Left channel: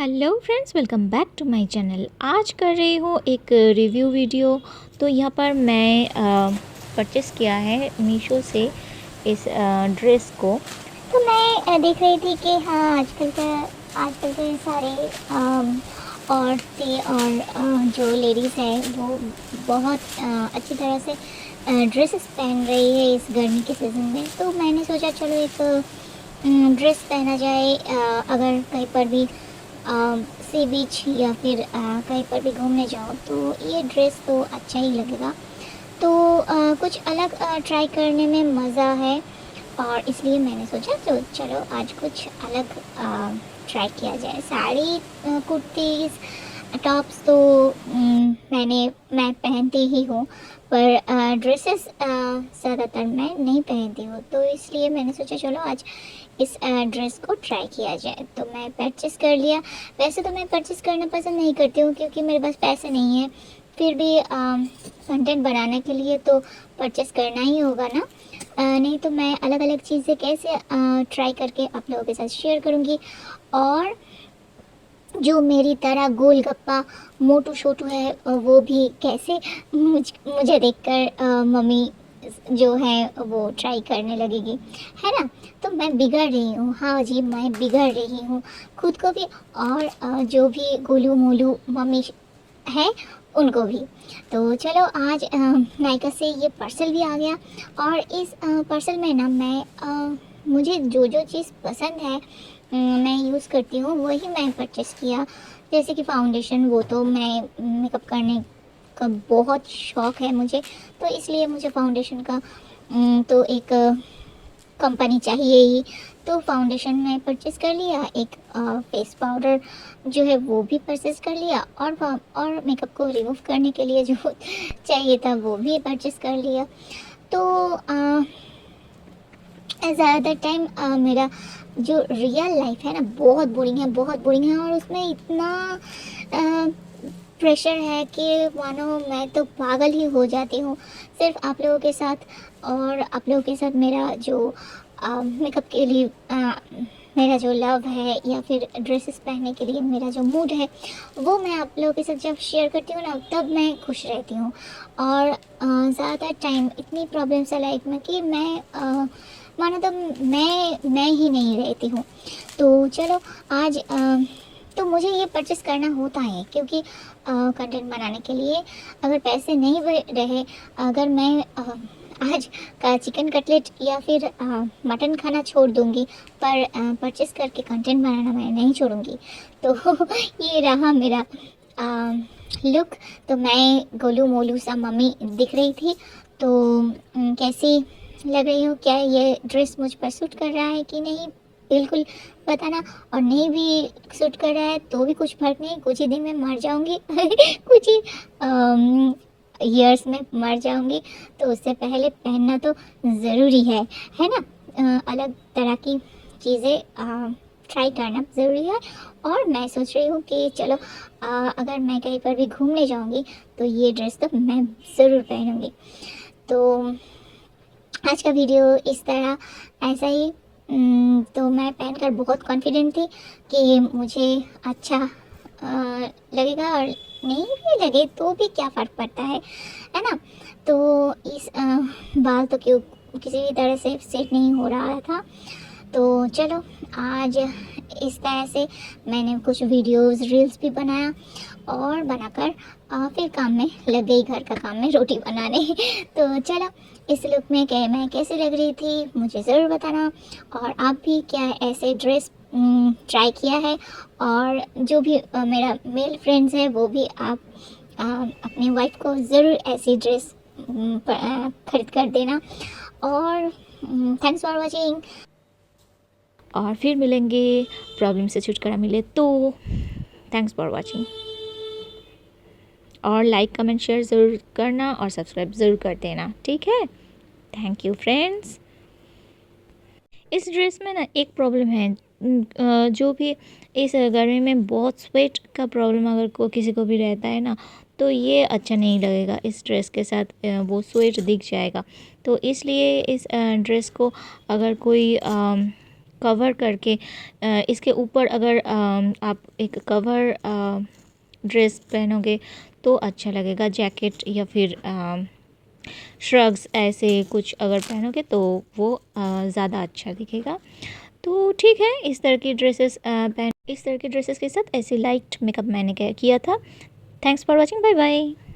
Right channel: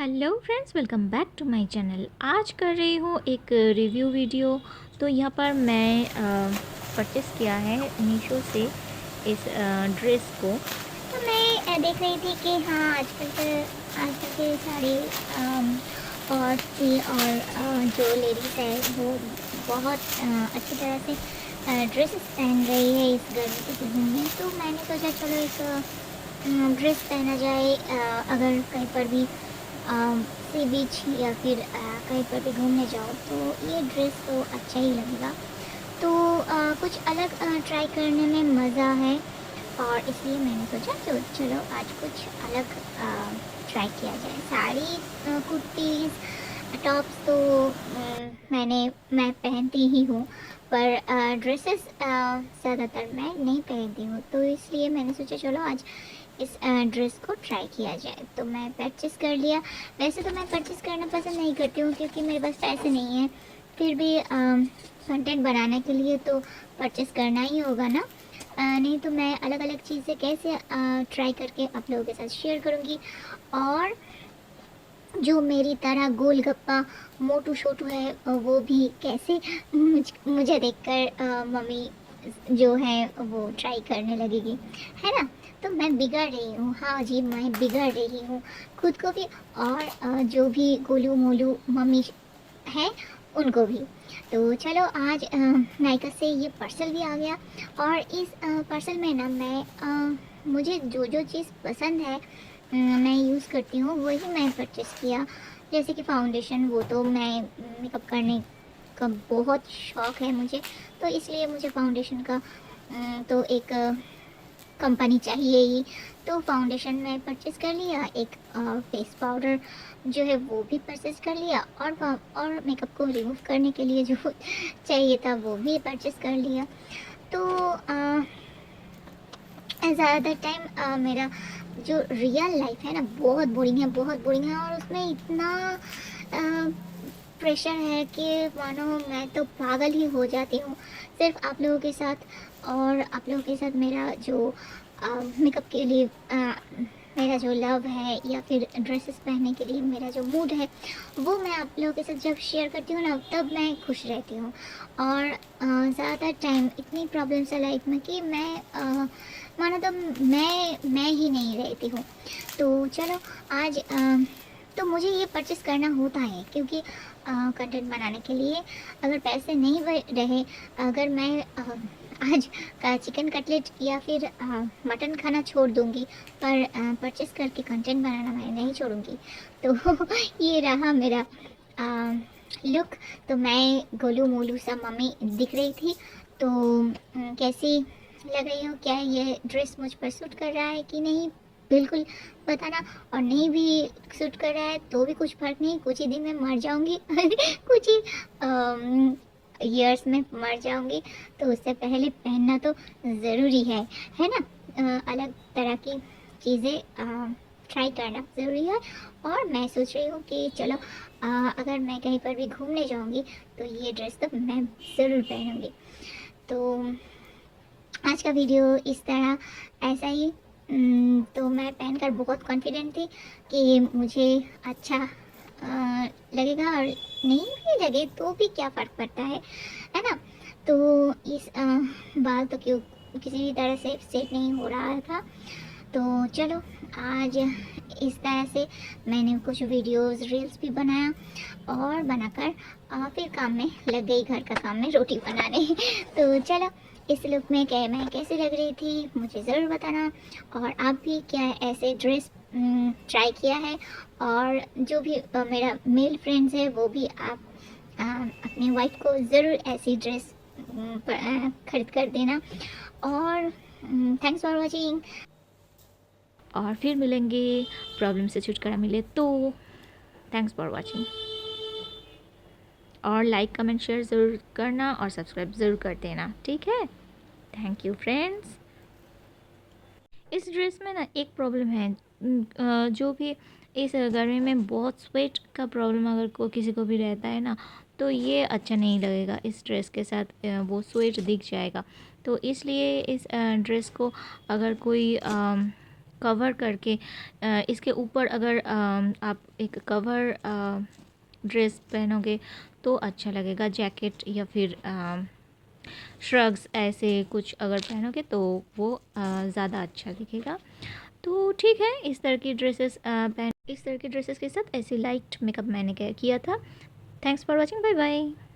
Hello friends, welcome back to my channel. आज कर रही हूँ एक रिव्यू वीडियो। तो यहाँ पर मैं परचेस किया है मीशो से इस ड्रेस को। तो मैं देख रही थी कि हाँ आजकल के सारे औरतें और जो लेडीज़ हैं वो बहुत अच्छी तरह से ड्रेसेस पहन रही है इस गर्मी के सीज़न में। तो मैंने सोचा चलो एक ड्रेस पहना जाए, अगर कहीं पर भी सी बीच या फिर कहीं पर भी घूमने जाओ तो ये ड्रेस तो अच्छा ही लगेगा। तो कुछ अलग ट्राई करने में मज़ा है और इसलिए मैंने सोचा तो चलो आज कुछ अलग ट्राई किया जाए। साड़ी, कुर्तीज़, टॉप्स तो मैं पहनती ही हूँ, पर ड्रेसेस ज़्यादातर मैं नहीं पहनती हूँ। तो इसलिए मैंने सोचा चलो आज इस ड्रेस को ट्राई किया जाए। तो मैं परचेस कर लिया। वैसे तो मैं परचेस करना पसंद नहीं करती हूँ क्योंकि मेरे पास पैसे नहीं हैं, फिर भी कंटेंट बनाने के लिए तो परचेस करना ही होगा ना। नहीं तो मैं अलग अलग चीज़ें कैसे ट्राई करके आप लोगों के साथ शेयर करूँगी। और जो मेरी तरह गोलगप्पा मोटू छोटू है वो भी कैसे मुझे देखकर मम्मी जो है वो ट्राई करने लगेगी, है ना। तो मैं बिगड़ रही हूँ, हाँ जी मैं बिगड़ रही हूँ खुद को भी, और जो भी गोलू मोलू मम्मी है उनको भी। तो चलो आज नायका से ये पार्सल भी आ गया। और इस पार्सल में ना मुझे जो जो चीज़ पसंद है मैं यूज़ करती हूँ वही मैं परचेस किया। जैसे कि फाउंडेशन, वो तो मैं मेकअप करने का बहुत शौक़ है मुझे, तो इसलिए मुझे फाउंडेशन का तो एक कंपनी चाहिए ही। तो फाउंडेशन मैं परचेस कर लिया, एक फेस पाउडर जो है वो भी परचेस कर लिया, और मेकअप को रिमूव करने के लिए जो चाहिए था वो भी परचेस कर लिया। तो ज़्यादातर टाइम मेरा जो रियल लाइफ है ना बहुत बोरिंग है, बहुत बोरिंग है, और उसमें इतना प्रेशर है कि मानो मैं तो पागल ही हो जाती हूँ सिर्फ आप लोगों के साथ। और आप लोगों के साथ मेरा जो मेकअप के लिए मेरा जो लव है या फिर ड्रेसेस पहनने के लिए मेरा जो मूड है वो मैं आप लोगों के साथ जब शेयर करती हूँ ना तब मैं खुश रहती हूँ। और ज़्यादा टाइम इतनी प्रॉब्लम्स है लाइफ में कि मानो तो मैं ही नहीं रहती हूँ। तो चलो आज तो मुझे ये परचेस करना होता है क्योंकि कंटेंट बनाने के लिए अगर पैसे नहीं रहे, अगर मैं आज का चिकन कटलेट या फिर मटन खाना छोड़ दूंगी, पर परचेस करके कंटेंट बनाना मैं नहीं छोड़ूंगी। तो ये रहा मेरा लुक। तो मैं गोलू मोलू सा मम्मी दिख रही थी। तो कैसी लग रही हूँ, क्या ये ड्रेस मुझ पर सूट कर रहा है कि नहीं, बिल्कुल बताना। और नहीं भी सूट कर रहा है तो भी कुछ फर्क नहीं, कुछ ही दिन में मर जाऊंगी कुछ ही ईयर्स में मर जाऊंगी। तो उससे पहले पहनना तो ज़रूरी है ना। अलग तरह की चीज़ें ट्राई करना ज़रूरी है। और मैं सोच रही हूँ कि चलो अगर मैं कहीं पर भी घूमने जाऊंगी तो ये ड्रेस तो मैं ज़रूर पहनूंगी। तो आज का वीडियो इस तरह ऐसा ही। तो मैं पहनकर बहुत कॉन्फिडेंट थी कि मुझे अच्छा लगेगा, और नहीं भी लगे तो भी क्या फ़र्क पड़ता है ना। तो इस बाल तो क्यों किसी भी तरह से सेट नहीं हो रहा था। तो चलो आज इस तरह से मैंने कुछ वीडियोस रील्स भी बनाया, और बनाकर फिर काम में लग गई, घर का काम में रोटी बनाने तो चलो इस लुक में क्या मैं कैसी लग रही थी मुझे ज़रूर बताना। और आप भी क्या ऐसे ड्रेस ट्राई किया है, और जो भी मेरा मेल फ्रेंड्स है वो भी आप अपनी वाइफ को ज़रूर ऐसी ड्रेस खरीद कर देना। और थैंक्स फॉर वॉचिंग। और फिर मिलेंगे, प्रॉब्लम से छुटकारा मिले तो। Thanks for watching. और लाइक कमेंट शेयर ज़रूर करना और सब्सक्राइब ज़रूर कर देना, ठीक है। Thank you friends. इस ड्रेस में ना एक प्रॉब्लम है, जो भी इस गर्मी में बहुत स्वेट का प्रॉब्लम अगर किसी को भी रहता है ना, तो ये अच्छा नहीं लगेगा इस ड्रेस के साथ। वो स्वेट दिख जाएगा। तो इसलिए इस ड्रेस को अगर कोई कवर करके इसके ऊपर अगर आप एक कवर ड्रेस पहनोगे तो अच्छा लगेगा। जैकेट या फिर श्रग्स ऐसे कुछ अगर पहनोगे तो वो ज़्यादा अच्छा दिखेगा। तो ठीक है, इस तरह की ड्रेसेस के साथ ऐसे लाइट मेकअप मैंने किया था। Thanks for watching, bye bye.